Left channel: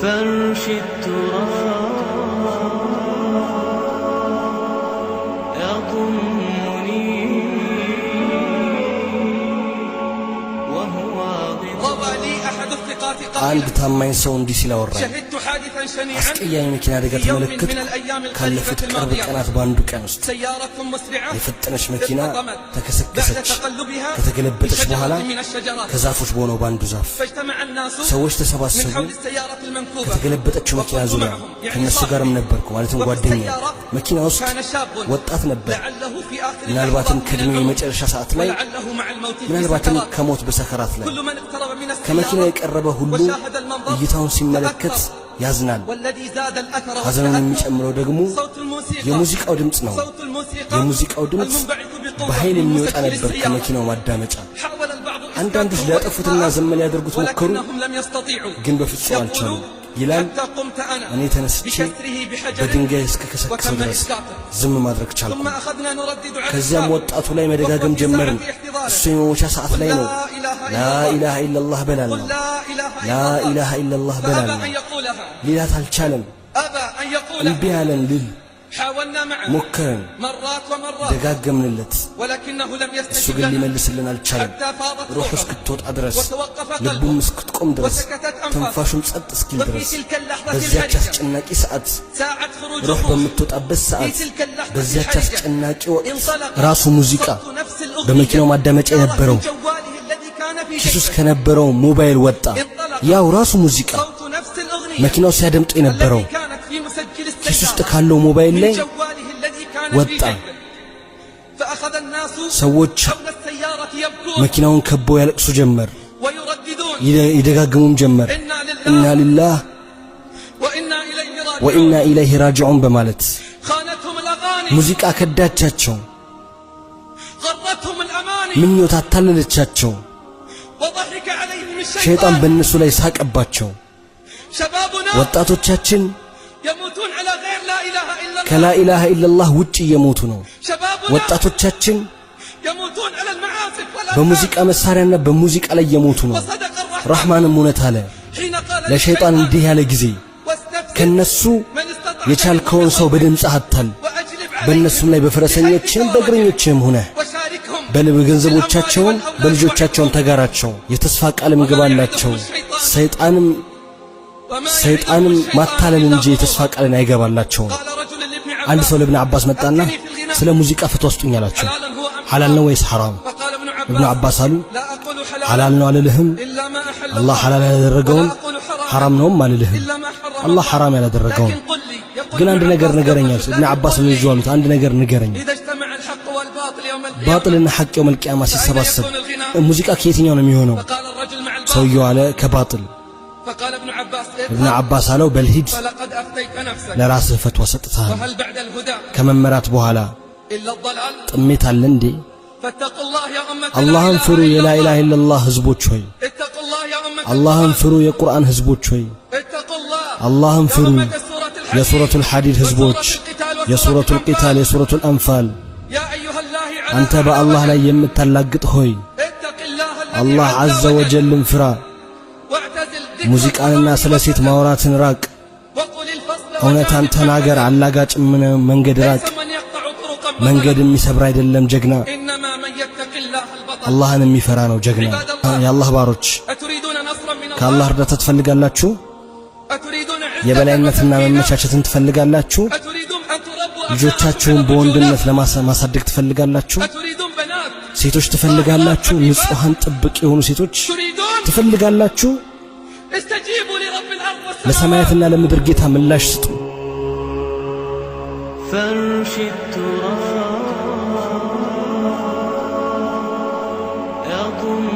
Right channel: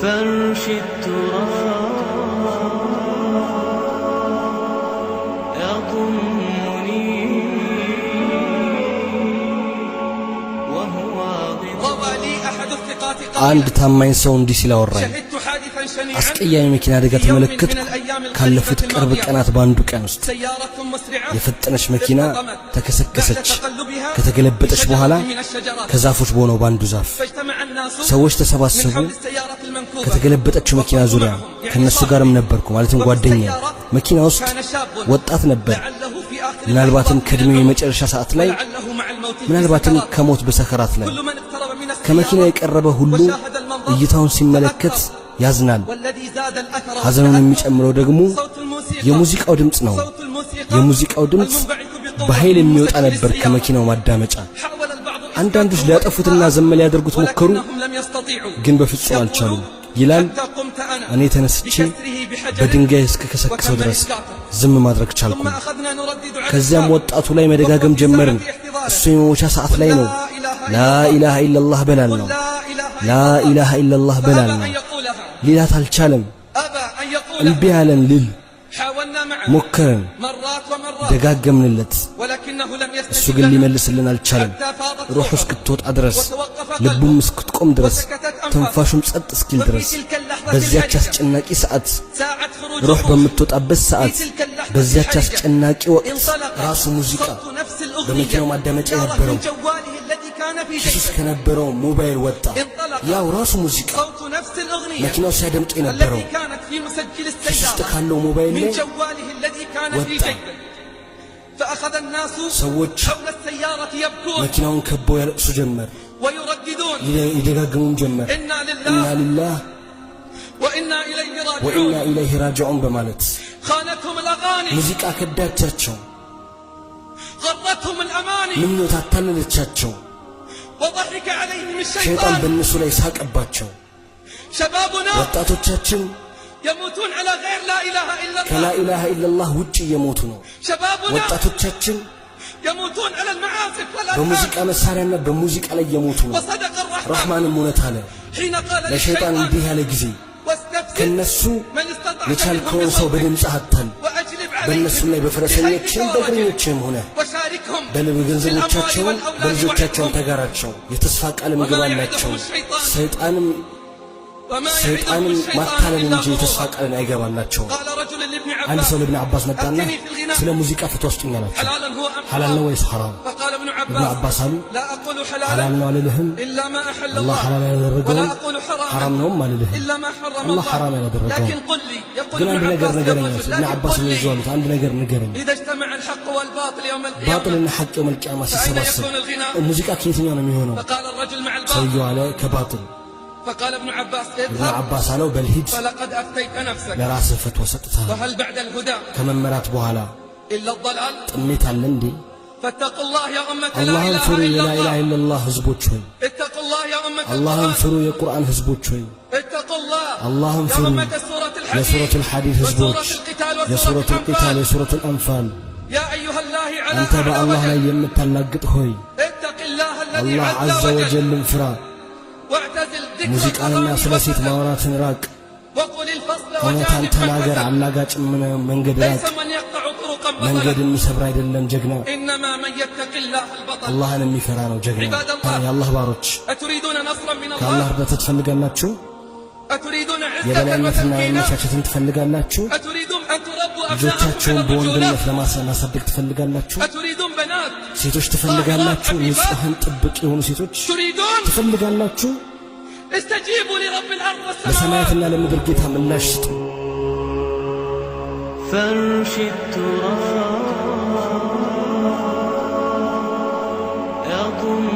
فرش التراب يضمني وهو روى لي أحد الثقات አንድ ታማኝ ሰው እንዲህ ሲል አወራኝ። شهدت حادثا شنيعا አስቀያሚ መኪና አደጋ ተመለከትኩ። ካለፉት ቅርብ ቀናት በአንዱ ቀን ውስጥ سيارة مسرعة የፈጠነች መኪና ተከሰከሰች። ከተገለበጠች በኋላ ከዛፎች በሆነው በአንዱ ዛፍ فاجتمع الناس ሰዎች ተሰባሰቡ። من حول السيارة المنكوبة ከተገለበጠችው መኪና ዙሪያ ከነሱ ጋርም ነበርኩ፣ ማለትም ጓደኛዬ። መኪና ውስጥ كان شاب ወጣት ነበር። لعله في آخر ምናልባትም ከእድሜው የመጨረሻ ሰዓት ላይ፣ لعله مع الموت في ምናልባትም السكرات. ከሞት በሰከራት ላይ كل من اقترب من ከመኪናው السيارة የቀረበ ሁሉ وشاهد المنظر እይታውን ሲመለከት ያዝናል። والذي زاد الأثر ሐዘኑን የሚጨምረው ደግሞ صوت الموسيقى የሙዚቃው ድምጽ ነው። صوت الموسيقى የሙዚቃው ድምጽ المنبعث بقوة በኃይል من የሚወጣ مسكن ነበር السيارة. ከመኪናው ማዳመጫ። حاول البعض አንዳንዶች ሊያጠፉትና ዘመ ሊያደርጉት ሞከሩ፣ ولكنهم لم يستطيعوا. ግን በፍጹም አልቻሉም። ይላል حتى قمت أنا እኔ ተነስቼ بكسره بحجر በድንጋይ እስከከሰከሰው ድረስ ዝም ማድረግ ቻልኩ። ثم أخذنا نردد على ከዚያም الباب. ወጣቱ ላይ መደጋገም ጀመርን። እሱ የመሞቻ ሰዓት ላይ ነው። ላ ኢላሃ ኢላላህ በላል ነው። لا إله ላ ኢላሃ ኢላላህ በላል فأبى ነው። أن يقولها ሊላት አልቻለም። أبى أن እምቢ يقولها አለን ልል حاولنا معه ሞከርን፣ مرات ومرات ደጋገምንለት። ولكنه لم እሱ يستجب ግን لنا ሊመልስልን አልቻለም። حتى فاضت ሩሑ روحه እስክትወጣ ድረስ وتوقف ልቡም قلبه እስክትቆም ድረስ وسكتت أنفاسه ትንፋሹም ጸጥ እስኪል وفي ድረስ تلك اللحظة በዚያች الحرجة አስጨናቂ ሰዓት ساعة خروج ሩህ الروح በምትወጣበት ሰዓት في تلك اللحظة በዚያች الحرجة አስጨናቂ ወቅት انطلق ራሱ ሙዚቃ صوت نفس الأغنية በመኪናው ማዳመጫ صار የነበረው من جواله الذي كان في ኪስ ውስጥ جيبه ከነበረው ሞባይል ወጣ። ያው ራሱ ሙዚቃ صوت نفس الأغنية መኪናው ሲያደምጡ የነበረው التي كانت في مسجل ኪስ ውስጥ السيارة ካለው ሞባይል من ላይ جواله الذي كان في وطأ. جيبه فأخذ الناس ሰዎች حول السيارة يبكون መኪናውን ከበው ያለቅሱ ጀመር፣ ويرددون ይደጋግሙም ጀመር። إنا ኢና لله ሊላህ وإنا إليه ወኢና راجعون ኢለይሂ ራጂዑን በማለት خانتهم الأغاني ሙዚቃ ከዳቻቸው፣ غرتهم الأماني ምኞት አታለለቻቸው። وضحك عليهم ሸይጣን الشيطان በእነሱ ላይ ሳቀባቸው። شبابنا ወጣቶቻችን يموتون على غير لا إله إلا ከላ الله ኢላሃ ኢላላህ ውጭ እየሞቱ ነው። شبابنا ወጣቶቻችን يموتون على المعازف በሙዚቃ والألحان መሳሪያና በሙዚቃ ላይ እየሞቱ ነው። وصدق الرحمن ረህማንም እውነት አለ حين قال ለሸይጣን እንዲህ ያለ ጊዜ واستفتح ከነሱ من استطعت የቻልከውን ሰው በድምፅህ አታል፣ وأجلب በእነሱም ላይ በፈረሰኞችም በእግረኞችም ሆነ وشاركهم በገንዘቦቻቸውን በልጆቻቸውን ተጋራቸው፣ የተስፋ ቃልም ግባላቸው። ሰይጣንም ማታለል እንጂ የተስፋ ቃልን አይገባላቸውም። قال رجل لابن አንድ ሰው عباس ለብን አባስ መጣና ስለ ሙዚቃ ፍትዋ ስጡኝ አላቸው። حلالا هو أم ሐላል ነው ወይስ ሐራም? فقال ابن እብኑ عباس አባስ አሉ لا أقول ሐላል حلالا ነው አልልህም፣ إلا ما أحل አላህ ሐላል ያደረገውን ولا أقول ሐራም حراما ነውም አልልህም፣ إلا ما حرم አላህ الله ሐራም ያላደረገውን። لكن قل لي يقول ግን አንድ ابن ነገር عباس ንገረኝ يقول አሉት። لكن እብኑ አባስ قل ምን لي ይዙ አሉት? አንድ ነገር ንገረኝ። إذا اجتمع الحق والباطل يوم القيامة ባጥልና ሐቅ የውመል ቂያማ ሲሰባሰብ ሙዚቃ ከየትኛው ነው የሚሆነው? فقال الرجل مع الباطل ሰውየው አለ ከባጥል። فقال ابن عباس እብኑ አባስ አለው በልሂድ فلقد أفتيت نفسك ለራስህ ፈትዋ ሰጥተሃል። فهل بعد الهدى ከመመራት በኋላ إلا الضلال ጥሜት አለ እንዴ? فاتقوا الله يا أمة لا አላህን إله ፍሩ إلا የላ ኢላሃ الله ኢላላህ ህዝቦች ሆይ፣ اتقوا الله يا أمة አላህን القرآن ፍሩ የቁርአን ህዝቦች ሆይ፣ اتقوا الله አላህን يا ፍሩ أمة سورة الحديد የሱረቱል ሐዲድ ህዝቦች፣ وسورة القتال የሱረቱል وسورة ቂታል፣ الأنفال የሱረቱል አንፋል። يا أيها الله على አንተ በአላህ ላይ የምታላግጥ ሆይ اتق الله الذي አላህ ዐዘ ወጀልን ፍራ። واعتزل ذكر ሙዚቃንና ስለ ሴት ማውራትን ራቅ። وقل الفصل እውነታን ተናገር፣ አላጋጭ መንገድ ራቅ። ليس من يقطع طرقا መንገድ የሚሰብር አይደለም ጀግና፣ إنما من يتق الله البطل አላህን የሚፈራ ነው ጀግና። የአላህ ባሮች أتريدون نصرا من ከአላህ الله እርዳታ ትፈልጋላችሁ? أتريدون عزة የበላይነትና وتمكينا መመቻቸትን ትፈልጋላችሁ? أتريدون أن تربوا ልጆቻችሁን أبناءكم በወንድነት على ለማሳደግ ትፈልጋላችሁ? أتريدون بنات ሴቶች ትፈልጋላችሁ? ንጹሃን ጥብቅ የሆኑ ሴቶች تريدون ትፈልጋላችሁ? استجيبوا لرب الأرض والسماوات ለሰማያትና ለምድር ጌታ ምላሽ ስጡ። فرش التراب يضم